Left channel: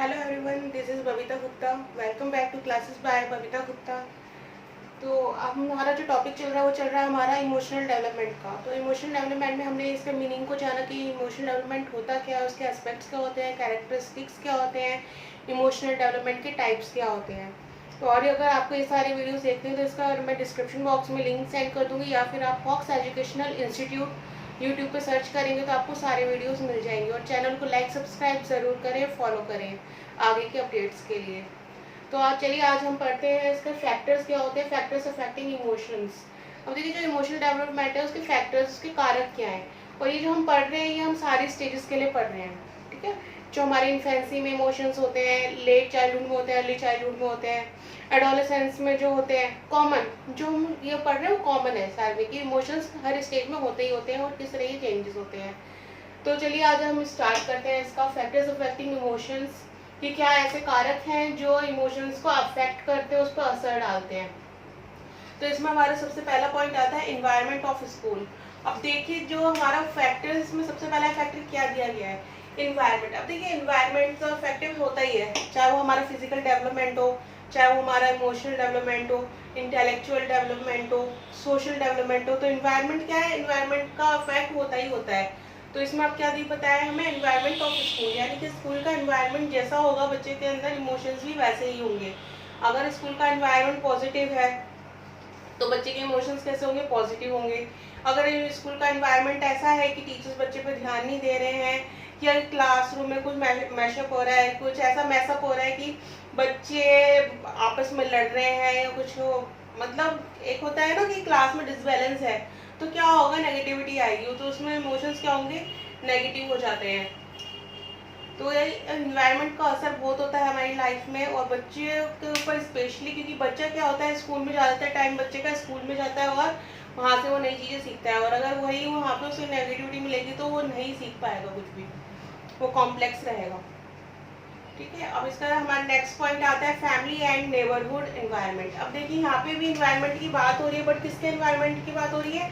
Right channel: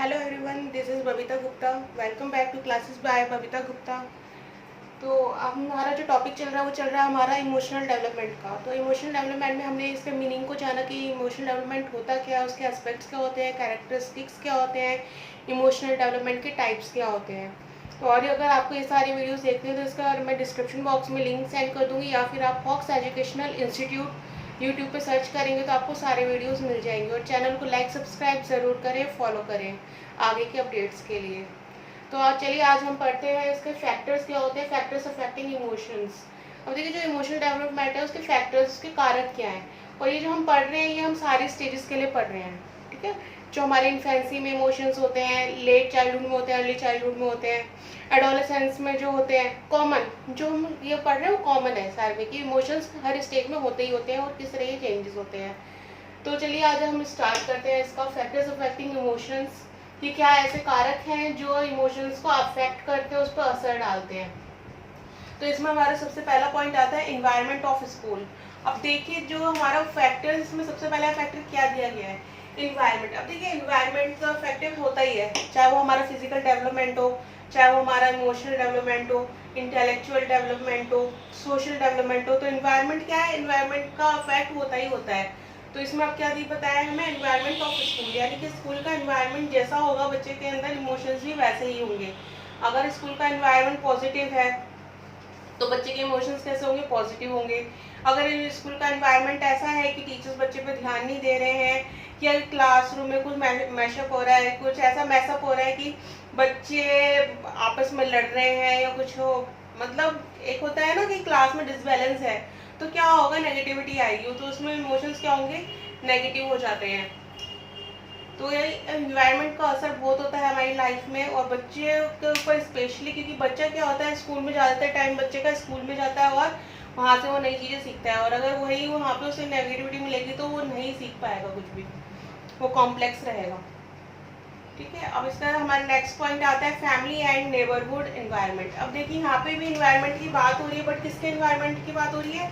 Hello everyone, this is Babita Gupta. Welcome back to classes by Babita Gupta. तो अब हमारा जो टॉपिक चल रहा है वो चल रहा है हमारा इमोशनल डेवलपमेंट का। तो इमोशनल डेवलपमेंट में हमने इसके मीनिंग को जाना कि इमोशनल डेवलपमेंट होता क्या है, उसके एस्पेक्ट्स क्या होते हैं, कैरेक्टरिस्टिक्स क्या होते हैं, इमोशनल डेवलपमेंट के टाइप्स क्या होते हैं। तो और अगर आपको ये सारे वीडियोस देखते हैं तो इसका मैं डिस्क्रिप्शन बॉक्स में लिंक सेंड कर दूँगी, या फिर आप फॉक्स एजुकेशनल इंस्टीट्यूट यूट्यूब पे सर्च करेंगे तो आपको सारे वीडियोस मिल जाएंगे। और चैनल को लाइक सब्सक्राइब ज़रूर करें, फॉलो करें आगे के अपडेट्स के लिए। तो चलिए आज हम पढ़ते हैं इसके फैक्टर्स क्या होते हैं, फैक्टर्स अफेक्टिंग इमोशंस। अब देखिए जो इमोशनल डेवलपमेंट है उसके फैक्टर्स, उसके कारक क्या हैं। और ये जो हम पढ़ रहे हैं ये हम सारे स्टेजेस के लिए पढ़ रहे हैं, ठीक है। जो हमारे इन्फेंसी में इमोशंस होते हैं, लेट चाइल्डहुड में होते हैं, अर्ली चाइल्डहुड में होते हैं, एडोलेसेंस में जो होते हैं, कॉमन जो हम ये पढ़ रहे हैं वो कॉमन है सारे कि इमोशंस हर स्टेज में होते ही होते हैं और किस तरह के चेंजेस होते हैं। तो चलिए आज हम स्टार्ट करते हैं इसका फैक्टर्स अफेक्टिंग इमोशंस। कि क्या ऐसे कारक हैं जो इमोशंस को अफेक्ट करते हैं, उस पर असर डालते हैं। तो इसमें हमारा सबसे पहला पॉइंट आता है इन्वायरमेंट ऑफ स्कूल। अब देखिए जो हमारा फैक्टर, इसमें सबसे पहला फैक्टर क्या दिया गया है, इन्वायरमेंट। अब देखिए इन्वायरमेंट तो अफेक्टिव होता ही है, चाहे वो हमारा फिजिकल डेवलपमेंट हो, चाहे वो हमारा इमोशनल डेवलपमेंट हो, इंटेलेक्चुअल डेवलपमेंट हो, सोशल डेवलपमेंट हो। तो इन्वायरमेंट क्या है, इन्वायरमेंट का अफेक्ट होता ही होता है। तो इसमें अब क्या दी बताया हमें, एनवायरनमेंट ऑफ स्कूल, यानी कि स्कूल का एनवायरनमेंट जैसा होगा बच्चे के अंदर इमोशंस भी वैसे ही होंगे। अगर स्कूल का एनवायरनमेंट पॉजिटिव है तो बच्चे के इमोशंस कैसे होंगे, पॉजिटिव होंगे। अगर स्कूल का एनवायरनमेंट ऐसा है कि टीचर्स बच्चे पे ध्यान नहीं दे रहे हैं, या क्लासरूम में कुछ मैशअप हो रहा है, कुछ ऐसा मैसअप हो रहा है कि बच्चे आपस में लड़ रहे हैं या कुछ हो, मतलब एक होता है ना कि क्लास में डिसबैलेंस है, तो क्या होगा, नेगेटिविटी आएगी। तो उसमें इमोशंस क्या होंगे, नेगेटिव हो जाते हैं। तो ये इन्वायरमेंट का असर बहुत होता है हमारी लाइफ में, और बच्चे के ऊपर स्पेशली, क्योंकि बच्चा क्या होता है स्कूल में ज़्यादातर टाइम बच्चे का स्कूल में जाता है और वहाँ से वो नई चीज़ें सीखता है। और अगर वही वहाँ पे उसे नेगेटिविटी मिलेगी तो वो नहीं सीख पाएगा कुछ भी, वो कॉम्प्लेक्स रहेगा, ठीक है। अब इसका हमारा नेक्स्ट पॉइंट आता है फैमिली एंड नेबरहुड एनवायरनमेंट। अब देखिए यहाँ पे भी इन्वायरमेंट की बात हो रही है, बट किसके इन्वायरमेंट की बात हो रही है,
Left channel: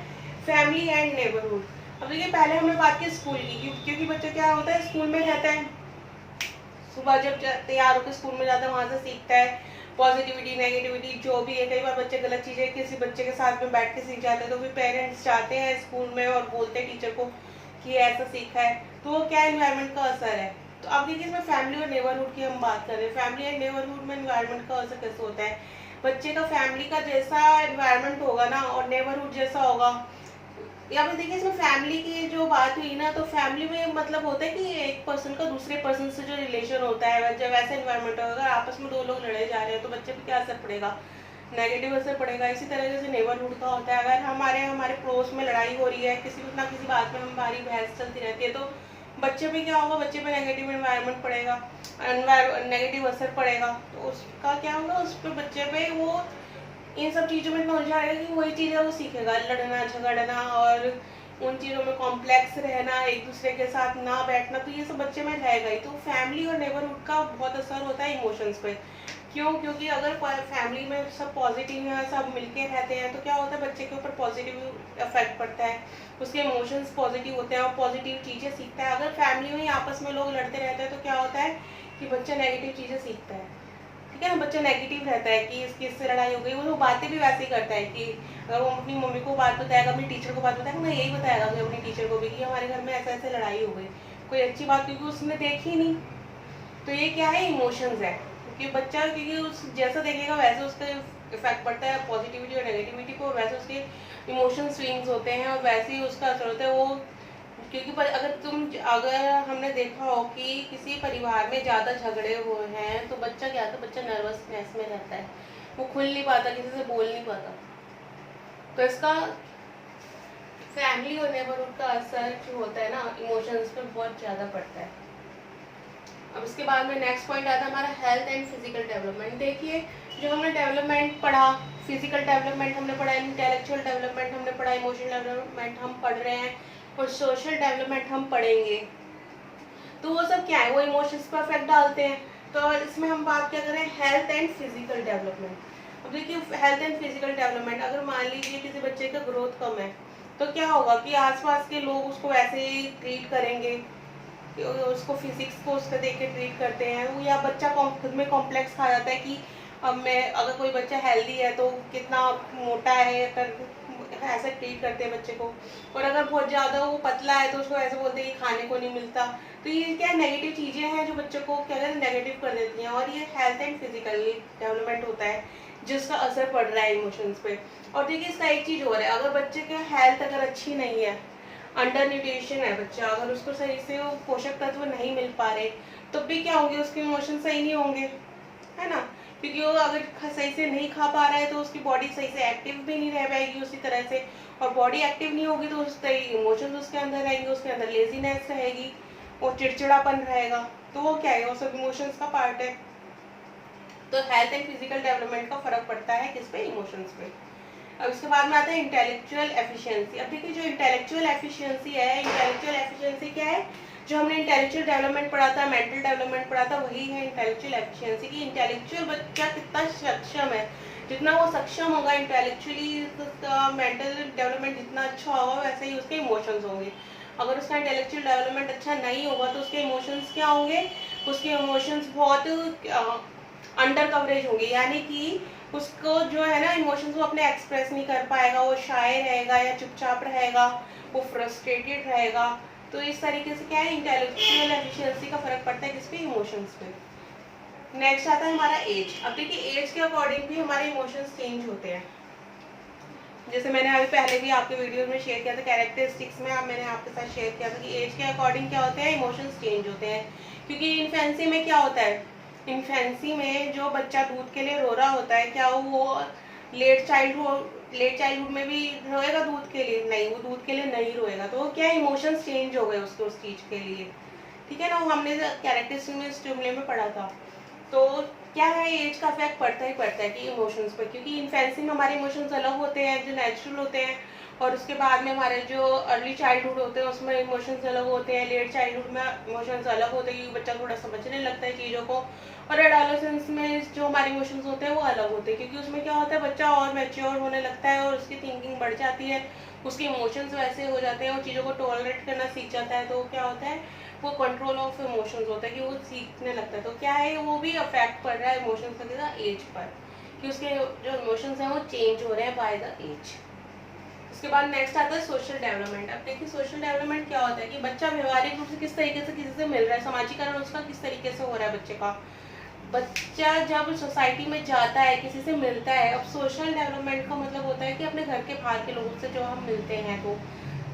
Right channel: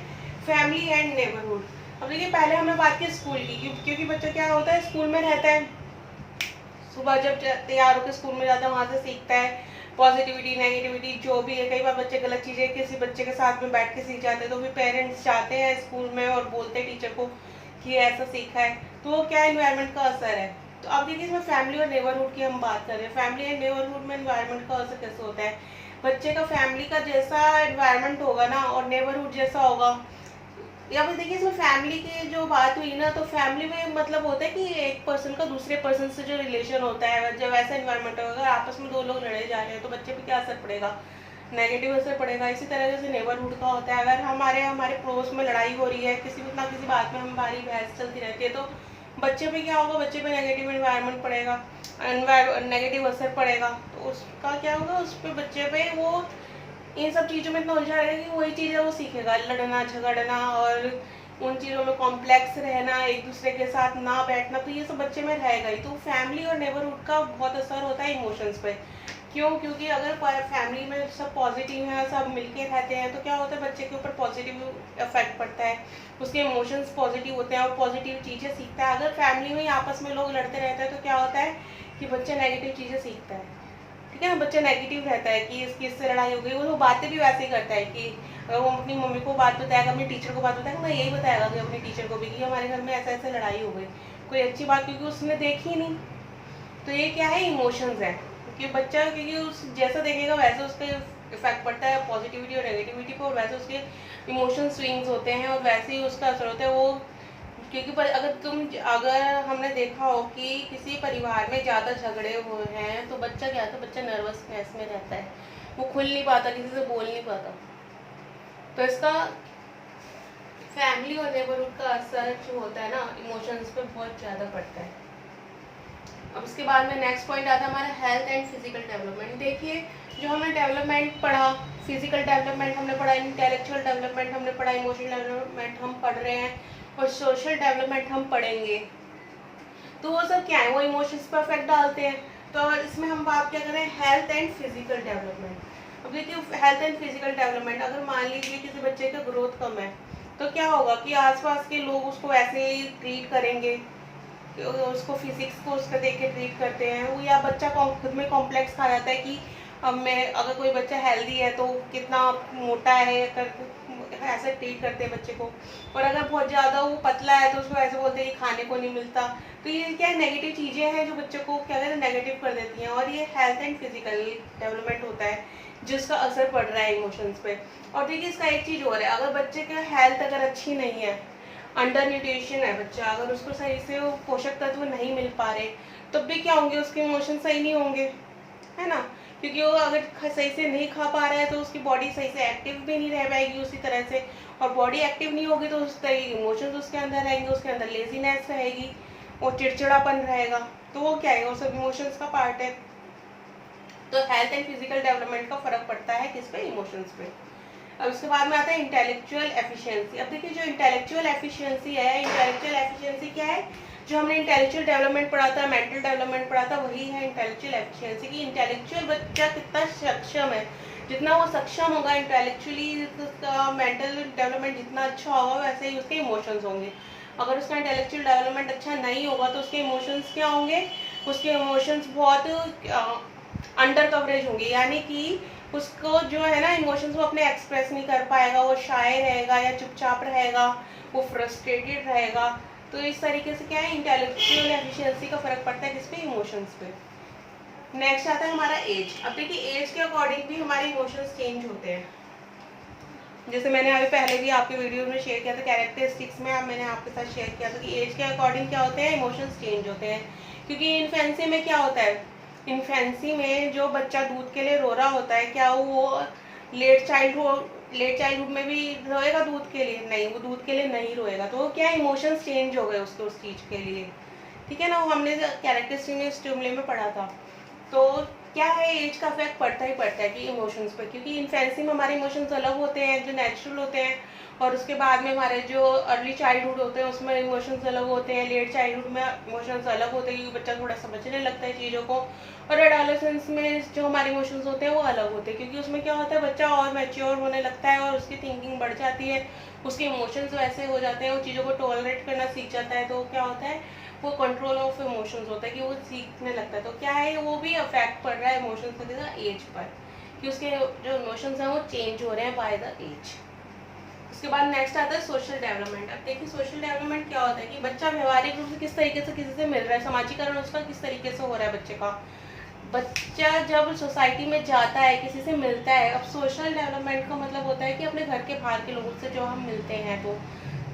फैमिली एंड नेबरहुड। अब देखिए पहले हमने बात की स्कूल की, क्योंकि बच्चा क्या होता है स्कूल में रहता है, सुबह जब तैयार होकर स्कूल में जाता है वहाँ से सीखता है पॉजिटिविटी नेगेटिविटी जो भी है। कई बार बच्चे गलत चीज़ें किसी बच्चे के साथ में बैठ के सीख जाते हैं, तो फिर पेरेंट्स जाते हैं स्कूल में और बोलते हैं टीचर को कि ऐसा सीखा है। तो वो क्या इन्वायरमेंट का असर है। तो अब देखिए इसमें फैमिली और नेबरहुड की हम बात कर रहे हैं। फैमिली एंड नेबरहुड में इन्वायरमेंट का असर कैसे होता है, बच्चे का फैमिली का जैसा इन्वायरमेंट होगा ना और नेबरहुड जैसा होगा। या फिर देखिए इसमें फैमिली की जो बात हुई ना, तो फैमिली में मतलब होता है कि एक पर्सन का दूसरे पर्सन से जो रिलेशन होता है, जब ऐसा इन्वायरमेंट होगा, अगर आपस में दो लोग लड़े जा रहे हैं तो बच्चे पे क्या असर पड़ेगा, नेगेटिव असर पड़ेगा। इसी तरह जैसे नेबरहुड का होता है, अगर हमारे हमारे पड़ोस में लड़ाई हो रही है, किसी ना किसी बात में हमारी बहस चलती रहती है, तो बच्चे पे क्या होगा, बच्चे पे नेगेटिव इन्वायरमेंट पड़ेगा, नेगेटिव असर पड़ेगा। तो उसका क्या होगा, उस पर बच्चे पे वो इन सब चीज़ों में इतना उलझा रहेगा कि वही चीज़ें वो सीखेगा, लड़ना झगड़ना और उन चीज़ों में कॉम्प्लेक्स रहना, एक दूसरे के साथ ना बैठना, तो ये सब बच्चे में रहेगा ही। तो फैमिली और नेबरहुड का बहुत असर होता है इमोशंस पे। क्यों, क्योंकि अगर फैमिली में सब पॉजिटिव हैं, सब मिलके रहते हैं, तो क्या होता है बच्चे के ऊपर पॉजिटिव इफेक्ट पड़ता है, उसके इमोशंस पॉजिटिव होते हैं और पॉजिटिव चीज़ें सीखता है। अगर फैमिली में आपस में लोग लड़ते रहते हैं तो क्या होता है कि बच्चा नेगेटिव चीज़ें सीखता है, ठीक है ना। बच्चा नेगेटिव रहता है कि इसकी इससे लड़ाई हो गई, वो बातें भी वैसे ही करता है कि अगर वो अपनी मम्मी को बात बताएगा, अपनी टीचर को बात बताएगा, ना यही बताएगा कि अपनी टीचर को भी कि हमारे घर में ऐसे ऐसे लड़ाई हो गई, कोई अच्छी बात, क्योंकि उसने देखी नहीं। तो ये क्या है, इमोशंस है। क्योंकि बच्चा क्योंकि उस जैसा देखेगा वैसे उसका इफेक्ट पड़ता है पॉजिटिविटी और नेगेटिविटी पर, और वैसे उसके इमोशन स्विंग्स होते हैं और वैसे ही उसका असर होता है वो। क्योंकि अगर हमने देखा हो कि किसी परिवार में ज़्यादा झगड़े हुए हैं तो बच्चा क्या था, बच्चा नर्वसनेस में रहता है, वो खुल नहीं पाता, किसी से बोल नहीं पाता। तो इसका फैमिली और नेबरहुड का असर जो होता है ना इमोशंस पर बहुत ज़्यादा पड़ता है। अब इसके बाद में नेक्स्ट पॉइंट आता है हमारा हेल्थ एंड फिजिकल डेवलपमेंट। देखिए जो हमने डेवलपमेंट पढ़ा, फिजिकल डेवलपमेंट हमने पढ़ा, इंटेलेक्चुअल डेवलपमेंट हमने पढ़ा, इमोशनल डेवलपमेंट हम पढ़ रहे हैं और सोशल डेवलपमेंट हम पढ़ेंगे। तो वो सब क्या है, वो इमोशंस पर इफेक्ट डालते हैं। तो इसमें हम बात क्या करें, हेल्थ एंड फिजिकल डेवलपमेंट। अब देखिए हेल्थ एंड फिजिकल डेवलपमेंट, अगर मान लीजिए किसी बच्चे का ग्रोथ कम है तो क्या होगा कि आसपास के लोग उसको वैसे ही ट्रीट करेंगे, उसको फिजिक्स को उसका देख के ट्रीट करते हैं, या बच्चा खुद में कॉम्प्लेक्स खा जाता है कि अब मैं, अगर कोई बच्चा हेल्दी है तो कितना मोटा है, ऐसे ट्रीट करते हैं बच्चे को। और अगर बहुत ज़्यादा वो पतला है तो उसको ऐसे बोलते हैं कि खाने को नहीं मिलता। तो ये क्या नेगेटिव चीज़ें हैं जो बच्चों को क्या कहते हैं नेगेटिव कर देती हैं, और ये हेल्थ एंड फिजिकल डेवलपमेंट होता है जिसका असर पड़ रहा है इमोशंस पे। और देखिए इसका एक चीज़ और है, अगर बच्चे का हेल्थ अगर अच्छी नहीं है, अंडर न्यूट्रिशन है बच्चा, अगर उसको सही से वो पोषक तत्व नहीं मिल पा रहे, तब भी क्या होंगे, उसके इमोशन सही नहीं होंगे, है ना। क्योंकि वो अगर सही से नहीं खा पा रहा है तो उसकी बॉडी सही से एक्टिव भी नहीं रह पाएगी उसी तरह से, और बॉडी एक्टिव नहीं होगी तो उसका इमोशंस उसके अंदर रहेंगे, उसके अंदर लेजीनेस रहेगी और चिड़चिड़ापन रहेगा। तो वो क्या है, वो सब इमोशंस का पार्ट है। तो हेल्थ एंड फिजिकल डेवलपमेंट का फर्क पड़ता है किस पे, इमोशंस पे। अब उसके बाद में आता है इंटेलेक्चुअल एफिशिएंसी। अब देखिए जो इंटेलेक्चुअल एफिशिएंसी है, इंटेलेक्चुअल एफिशिएंसी क्या है, जो हमने इंटेलेक्चुअल डेवलपमेंट पढ़ा था, मेंटल डेवलपमेंट पढ़ा था, वही है इंटेलेक्चुअल एफिशिएंसी की इंटेलेक्चुअल बच्चा कितना सक्षम है, जितना वो सक्षम होगा इंटेलेक्चुअली, मेंटल डेवलपमेंट जितना अच्छा होगा वैसे ही उसके इमोशंस होंगे। अगर उसका इंटेलेक्चुअल डेवलपमेंट अच्छा नहीं होगा तो उसके इमोशंस क्या होंगे, उसके इमोशंस बहुत अंडर कवरेज होंगे, यानी कि उसको जो है ना इमोशंस वो अपने एक्सप्रेस नहीं कर पाएगा, वो शाय रहेगा या चुपचाप रहेगा, वो फ्रस्ट्रेटेड रहेगा। तो इस तरीके से क्या है, इंटेलेक्चुअल एफिशिएंसी का फर्क पड़ता है किस पे, इमोशंस पे। नेक्स्ट आता है हमारा एज। अब देखिए एज के अकॉर्डिंग भी हमारे इमोशंस चेंज होते हैं। जैसे मैंने अभी पहले भी आपके वीडियो में शेयर किया था, कैरेक्टरिस्टिक्स में मैंने आपके साथ शेयर किया था कि एज के अकॉर्डिंग क्या होते हैं, इमोशंस चेंज होते हैं। क्योंकि इन्फेंसी में क्या होता है, इन्फेंसी में जो बच्चा दूध के लिए रो रहा होता है, क्या वो लेट चाइल्डहुड में भी रोएगा दूध के लिए? नहीं, वो दूध के लिए नहीं रोएगा। तो क्या इमोशंस चेंज हो गए उसके उस चीज के लिए, ठीक है ना। वो हमने कैरेक्टरिस्टिक में स्टिमुले में पढ़ा था। तो क्या है, एज का इफेक्ट पड़ता ही पड़ता है कि इमोशंस पर, क्योंकि इन्फेंसी में हमारे इमोशंस अलग होते हैं जो नेचुरल होते हैं, और उसके बाद में हमारे जो अर्ली चाइल्डहुड होते हैं उसमें इमोशंस अलग होते हैं, लेट चाइल्डहुड में इमोशंस अलग होते हैं क्योंकि बच्चा थोड़ा समझने लगता है चीज़ों को, और एडोलेसेंस में जो हमारे इमोशंस होते हैं वो अलग होते हैं, क्योंकि उसमें क्या होता है बच्चा और मैच्योर होने लगता है और उसकी थिंकिंग बढ़ जाती है, उसके इमोशंस वैसे हो जाते हैं, वो चीज़ों को टॉलरेट करना सीख जाता है। तो क्या होता है, वो कंट्रोल ऑफ इमोशंस होता है कि वो सीखने लगता है। तो क्या है, वो भी अफेक्ट पड़ रहा है इमोशंस का एज पर, कि उसके जो इमोशंस हैं वो चेंज हो रहे हैं बाय द एज। उसके बाद नेक्स्ट आता है सोशल डेवलपमेंट। अब देखिए सोशल डेवलपमेंट क्या होता है कि बच्चा व्यवहारिक रूप से किस तरीके से किसी से मिल रहा है, समाजीकरण उसका किस तरीके से हो रहा है बच्चे का। बच्चा जब सोसाइटी में जाता है, किसी से मिलता है, अब सोशल डेवलपमेंट का मतलब होता है कि अपने घर के बाहर के लोगों से जो हम मिलते हैं, तो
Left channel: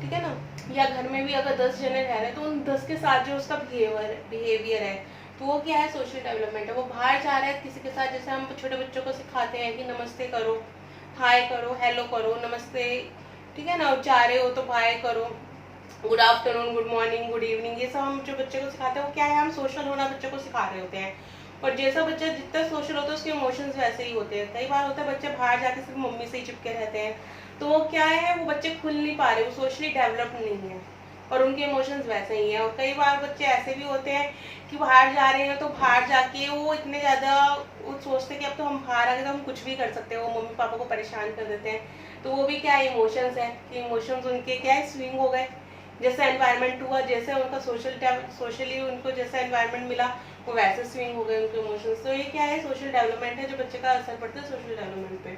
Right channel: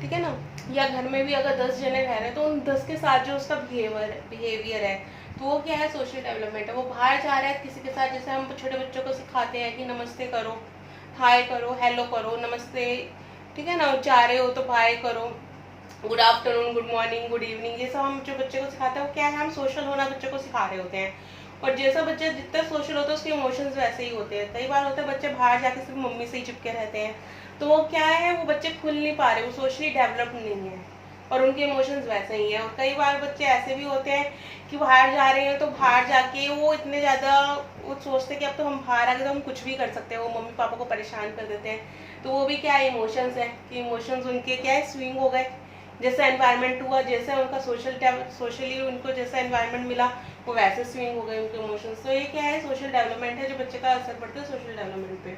ठीक है ना, या घर में भी अगर 10 जने रह रहे हैं तो उन 10 के साथ जो उसका बिहेवियर है, तो वो क्या है, सोशल डेवलपमेंट है। वो बाहर जा रहा है किसी के साथ, जैसे हम छोटे बच्चों को सिखाते हैं कि नमस्ते करो, हाय करो, हेलो करो, नमस्ते, ठीक है ना, जा रहे हो तो बाय करो, good afternoon, good morning, good evening, ये सब हम जो बच्चे को सिखाते हैं वो क्या है, हम सोशल होना बच्चों को सिखा रहे होते हैं। और जैसा बच्चा जितना सोशल होता है उसके इमोशंस वैसे ही होते हैं। कई बार होता है बच्चे बाहर जाके सिर्फ मम्मी से ही चिपके रहते हैं, तो वो क्या है, वो बच्चे खुल नहीं पा रहे, वो सोशली डेवलप नहीं है और उनके इमोशंस वैसे ही हैं। और कई बार बच्चे ऐसे भी होते हैं कि बाहर जा रहे हैं तो बाहर जाके वो इतने ज़्यादा वो सोचते हैं कि अब तो हम बाहर आके तो हम कुछ भी कर सकते हैं, वो मम्मी पापा को परेशान कर देते हैं। तो वो भी क्या है, इमोशंस है कि इमोशंस उनके क्या है, स्विंग हो गए, जैसा एनवायरनमेंट हुआ, जैसे उनका सोशली उनको जैसा एनवायरनमेंट मिला वो वैसे स्विंग हो गए उनके इमोशंस। तो ये क्या है, सोशल डेवलपमेंट है जो बच्चे का असर पड़ता है सोशल डेवलपमेंट पे।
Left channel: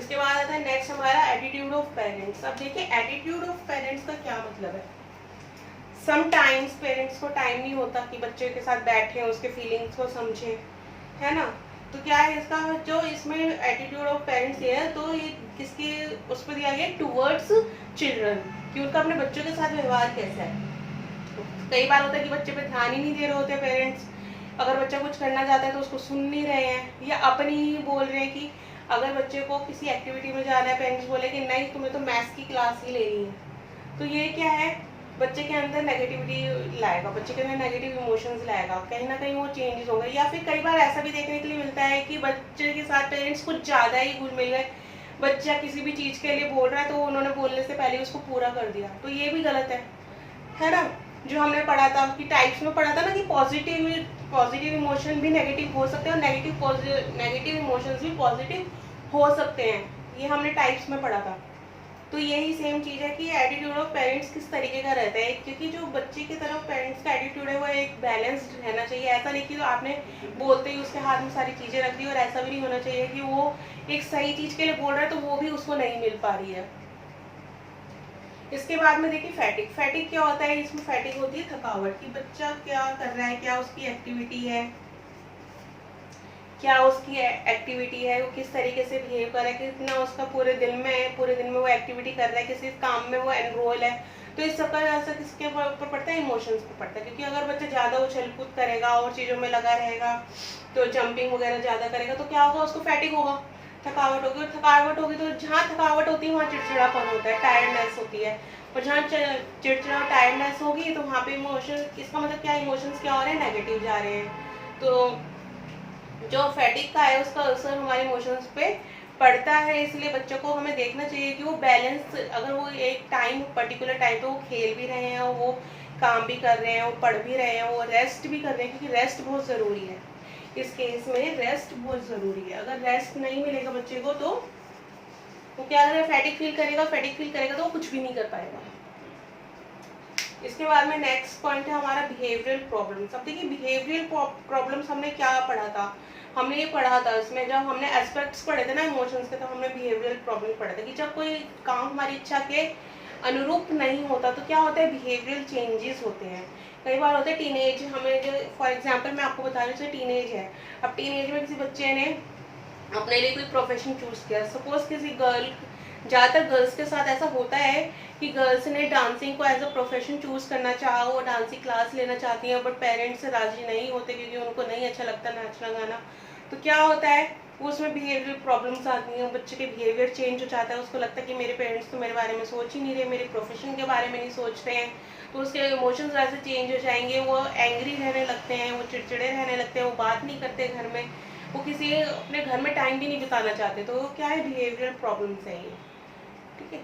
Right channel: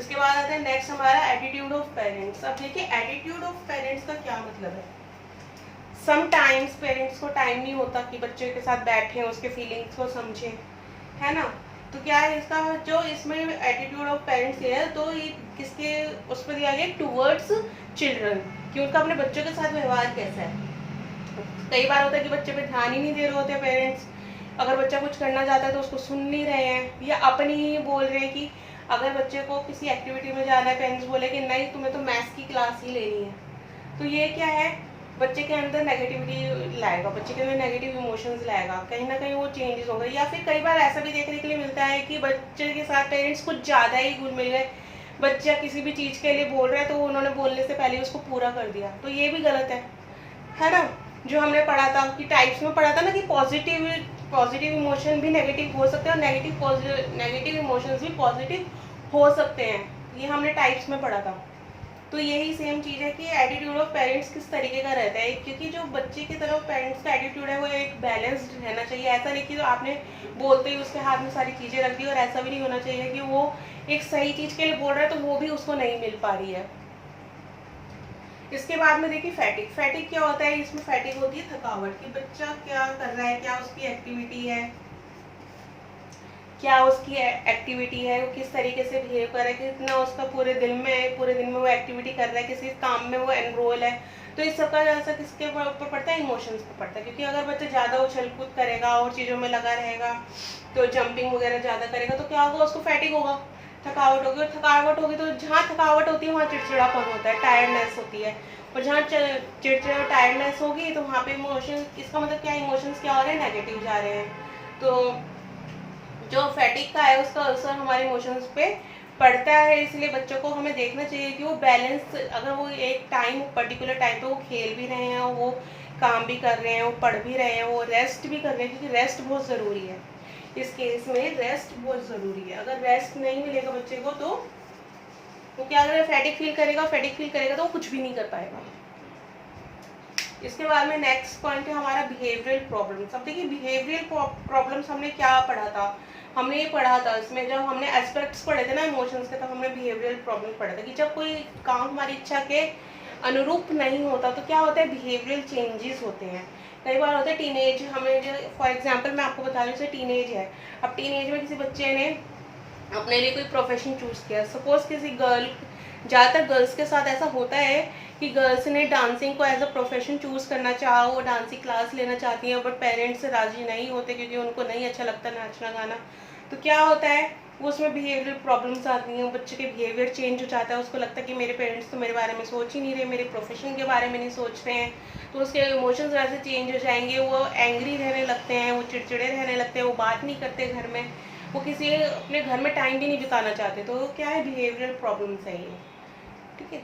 इसके बाद आता है नेक्स्ट हमारा एटीट्यूड ऑफ पेरेंट्स। अब देखिए एटीट्यूड ऑफ पेरेंट्स का क्या मतलब है। समटाइम्स पेरेंट्स को टाइम नहीं होता कि बच्चे के साथ बैठें, उसके फीलिंग्स को समझें, है ना। तो क्या है इसका जो इसमें एटीट्यूड ऑफ पेरेंट्स है, तो ये किसके उस पर दिया गया, टूवर्ड्स चिल्ड्रन, कि उनका अपने बच्चों के साथ व्यवहार कैसा है। कई बार होता है कि बच्चे पे ध्यान ही नहीं दे रहे होते पेरेंट्स, अगर बच्चा कुछ करना चाहता है तो उसको सुन नहीं रहे हैं, या अपनी ही बोल रहे हैं कि अगर बच्चे को किसी एक्टिविटी में जाना है, पेरेंट्स बोले कि नहीं तुम्हें तो मैथ्स की क्लास ही लेनी है, तो ये क्या है, बच्चे के अंदर नेगेटिविटी लाएगा, बच्चे के अंदर नेगेटिव इमोशंस लाएगा, कहीं ना कहीं वो चेंजेस होंगे। या फिर कई बार ऐसा भी देखने के लिए मिलता है कि बच्चे के साथ पेरेंट्स कुछ ज़्यादा ही घुल मिल गए, बच्चा किसी भी चीज़ के लिए बोल रहा है तो उन्होंने बोलने से पहले उसको पूरा कर दिया, तो ये भी गलत है ना। जो हमने पढ़ा था कि टाइप्स में पढ़ा था ना कि पॉजिटिव इमोशन भी नेगेटिव हो सकते हैं और नेगेटिव इमोशंस भी पॉजिटिव हो सकते हैं, ये हमने टाइप्स में पढ़ा था। तो यही सेम चीज़ है कि एटीट्यूड ऑफ पेरेंट्स किस तरीके का रहता है, क्योंकि जो बच्चे की तरफ पेरेंट्स का एटीट्यूड है वो एक बैलेंस्ड रहना चाहिए। ऐसा नहीं कि आपने बोलते ही उसके हाथ में सारी चीज़ें रख दी, और ऐसा भी नहीं होना चाहिए कि वो एक सही चीज़ के लिए बोल रहा है तो वो भी उसको नहीं मिल पा रही है। इसके बाद में देखिए फैटिक। फैटिक क्या होता है, इसमें फैटिक होती है थकावट, कि बच्चा क्या कर रहा है, क्या उसकी एक्टिविटी है, वो किस तरीके से बिहेव कर रहा है, कितना उसका पूरे दिन में वो एक्टिविटी कर रहा है, किसी काम में वो एनरोल है। तो इस सब का असर किसके ऊपर पड़ता है, इमोशंस पर पड़ता है। क्योंकि अगर बच्चा ज़्यादा उछल कूद करेगा और चीज़ों में लगा रहेगा, तो जंपिंग वगैरह ज़्यादा करेगा, तो क्या होगा, उसको फैटिक होगा, थकावट होगी। और थकावट होगी तो जहाँ थकावट होती है वहाँ चिड़चिड़ापन होता है, टायर्डनेस होती है। और जहाँ चिड़चिड़ा और टायर्डनेस होगी तो वहाँ पे इमोशन, इसका मतलब क्या, इमोशंस क्या हो रहे हैं, नेगेटिव जा रहे हैं। तो जो फैटिक का है उसका असर हमारे इमोशंस पे पड़ता है। इसलिए बच्चों को हमें देखना चाहिए कि वो बैलेंस, अगर वो एक पर्टिकुलर टाइम पे वो खेल भी रहे हैं, वो काम भी कर रहे हैं, वो पढ़ भी रहे हैं, वो रेस्ट भी कर रहे हैं, क्योंकि रेस्ट बहुत ज़रूरी है। इस केस में रेस्ट बहुत ज़रूरी है। अगर रेस्ट नहीं मिलेगा बच्चे को तो वो क्या करेगा, फैटिक फील करेगा तो वो कुछ भी नहीं कर पाएगा। इसके बाद में नेक्स्ट पॉइंट है हमारा बिहेवियरल प्रॉब्लम्स। अब देखिए बिहेवियरल प्रॉब्लम्स हमने क्या पढ़ा था, हमने ये पढ़ा था इसमें, जब हमने एस्पेक्ट्स पढ़े थे ना इमोशंस के, तो हमने बिहेवियरल प्रॉब्लम पढ़ा था कि जब कोई काम हमारी इच्छा के अनुरूप नहीं होता तो क्या होता है, बिहेवियरल चेंजेस होते हैं। कई बार होता है टीनेज, हमें फॉर एग्जांपल मैं आपको बता रही हूँ, टीनेज है, अब टीनेज में किसी बच्चे ने अपने लिए कोई प्रोफेशन चूज किया, सपोज किसी गर्ल, ज़्यादातर गर्ल्स के साथ ऐसा होता है कि गर्ल्स ने डांसिंग को एज अ प्रोफेशन चूज करना चाहा, वो डांसिंग क्लास लेना चाहती हैं, बट पेरेंट्स राजी नहीं होते क्योंकि उनको नहीं अच्छा लगता नाचना गाना। तो क्या होता है, वो उसमें बिहेवियर प्रॉब्लम्स आती हैं, बच्चे के बिहेवियर चेंज हो जाता है, उसको लगता है कि मेरे पेरेंट्स तो मेरे बारे में सोच ही नहीं रहे, मेरे प्रोफेशन के बारे में नहीं सोचते हैं। तो उसके इमोशंस वैसे चेंज हो जाएंगे, वो एंग्री रहने लगते हैं, वो चिड़चिड़े रहने लगते हैं, वो बात नहीं करते घर में, वो किसी अपने घर में टाइम भी नहीं बिताना चाहते। तो क्या है, बिहेवियरल प्रॉब्लम्स है ये, ठीक है।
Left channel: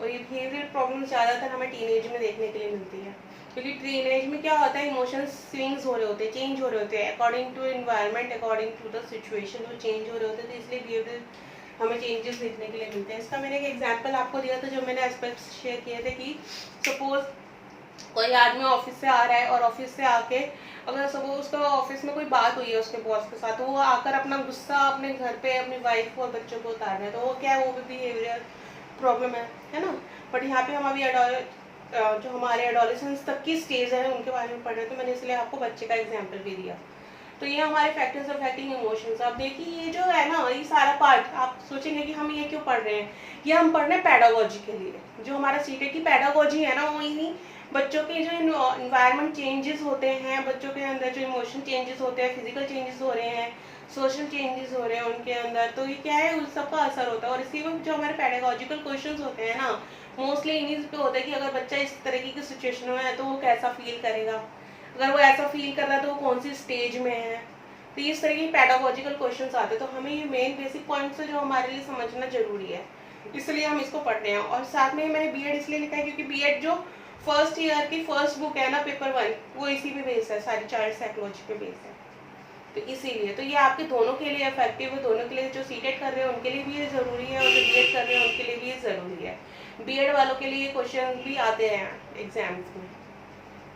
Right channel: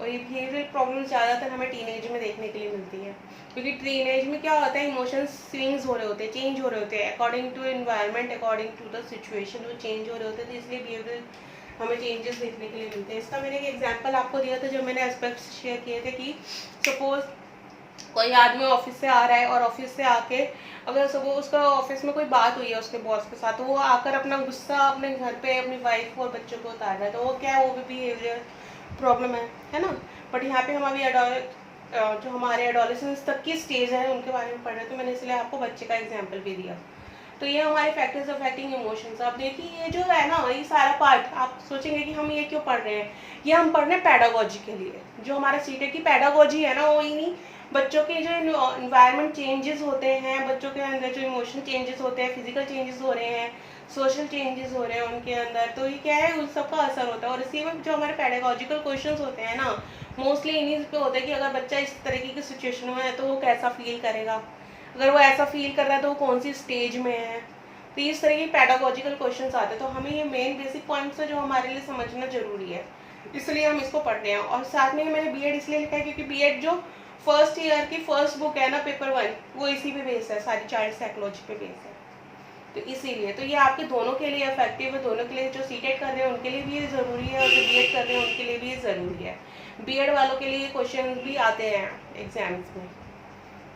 और ये बिहेवियरल प्रॉब्लम्स ज़्यादातर हमें टीनेज में देखने के लिए मिलती है, क्योंकि टीनेज में क्या होता है, इमोशंस स्विंग्स हो रहे होते हैं, चेंज हो रहे होते हैं, according to environment, according to the situation वो चेंज हो रहे होते हैं। तो इसलिए बिहेवियरल हमें चेंजेस देखने के लिए मिलते हैं। इसका मैंने एक एग्जांपल आपको दिया था जब मैंने एस्पेक्ट्स शेयर किए थे, कि सपोज कोई आदमी ऑफिस से आ रहा है और ऑफिस से आके अगर सपोज उसका ऑफिस में कोई बात हुई है उसके बॉस के साथ, तो वो आकर अपना गुस्सा अपने घर पे अपनी वाइफ और बच्चों को उतार रहा है, तो वो क्या है, वो भी बिहेवियर प्रॉब्लम है ना। बट यहाँ पे हम अभी जो हमारे एडोलेसेंस तक की स्टेज है उनके बारे में पढ़ रहे हैं, तो मैंने इसलिए आपको बच्चे का एग्जाम्पल भी दिया। तो ये हमारे फैक्टर्स अफेक्टिंग इमोशंस। अब देखिए ये जो है ना, ये सारा पार्ट आप सोचेंगे कि हम ये क्यों पढ़ रहे हैं, ये हम पढ़ रहे हैं पैडागोजी के लिए। जो हमारा सीटेट की पैडागोजी है ना, वो इन्हीं बच्चों के जो इन्वायरमेंट चेंजेस होते हैं, बच्चों के अंदर जो इमोशन चेंजेस होते हैं, फिजिकल चेंजेस हो रहे हैं, सोशल चेंजेस हो रहे हैं उनके अंदर, तो ये क्या है, उन सब का असर होता है। और इसी में जो हमारे पैडागोजिकल क्वेश्चंस होते हैं ना, मोस्टली इन्हीं पे होता है कि अगर बच्चा इस तरीके की सिचुएशन में है तो वो कैसा फील करेगा, अगर वो ऐसा फील कर रहा है तो वो कौन सी स्टेज में है। तो इस तरह के पैडागोजिकल क्वेश्चंस आते हैं। तो हमें ये मेन बेसिक पॉइंट्स है जो हमारे लिए समझना जरूरी है, इसलिए हम इसको पढ़ रहे हैं। और साथ में मैंने बीएड इसलिए लिखा है क्योंकि बीएड जो फर्स्ट ईयर की फर्स्ट बुक है ना, पेपर 1, वो इसी पे बेस्ड है, सारी चाइल्ड साइकोलॉजी पे बेस्ड है। तो इसीलिए तो ये आपके दोनों के लिए इफेक्टिव है, दोनों के लिए, जो सीटेट कर रहे हैं उनके लिए भी ज़रूरी है और जो बीएड कर रहे हैं उनके लिए भी ज़रूरी है। बीएड वालों के लिए क्वेश्चन भी आते हैं एग्जाम्स में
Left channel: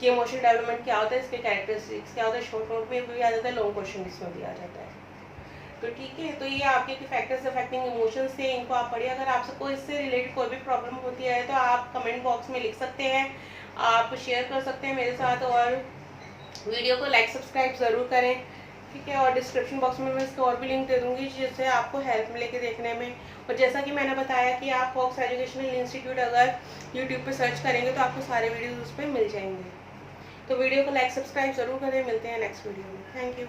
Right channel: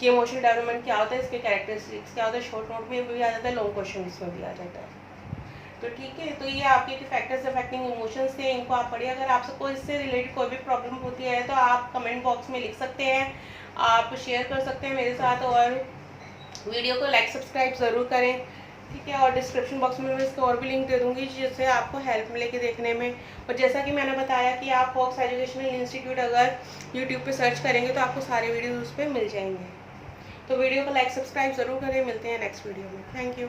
कि इमोशनल डेवलपमेंट क्या होता है, इसके कैरेक्टरिस्टिक्स क्या होता है, शॉर्ट नोट में भी आ जाता है, लॉन्ग क्वेश्चन इसमें भी आ जाता है। तो ठीक है, तो ये आपके फैक्टर्स अफेक्टिंग इमोशंस थे, इनको आप पढ़िए। अगर आप सबको इससे रिलेटेड कोई भी प्रॉब्लम होती है तो आप कमेंट बॉक्स में लिख सकते हैं, आप शेयर कर सकते हैं मेरे साथ, और वीडियो को लाइक सब्सक्राइब ज़रूर करें, ठीक है। और डिस्क्रिप्शन बॉक्स में मैं इसको और भी लिंक दे दूँगी जिससे आपको हेल्प मिलेगी देखने में। और जैसा कि मैंने बताया कि आप फॉक्स एजुकेशनल इंस्टीट्यूट अगर यूट्यूब पे सर्च करेंगे तो आपको सारे वीडियोज़ उस पर मिल जाएंगे। तो वीडियो को लाइक सब्सक्राइब ज़रूर करें, मिलते हैं नेक्स्ट वीडियो में। Thank you.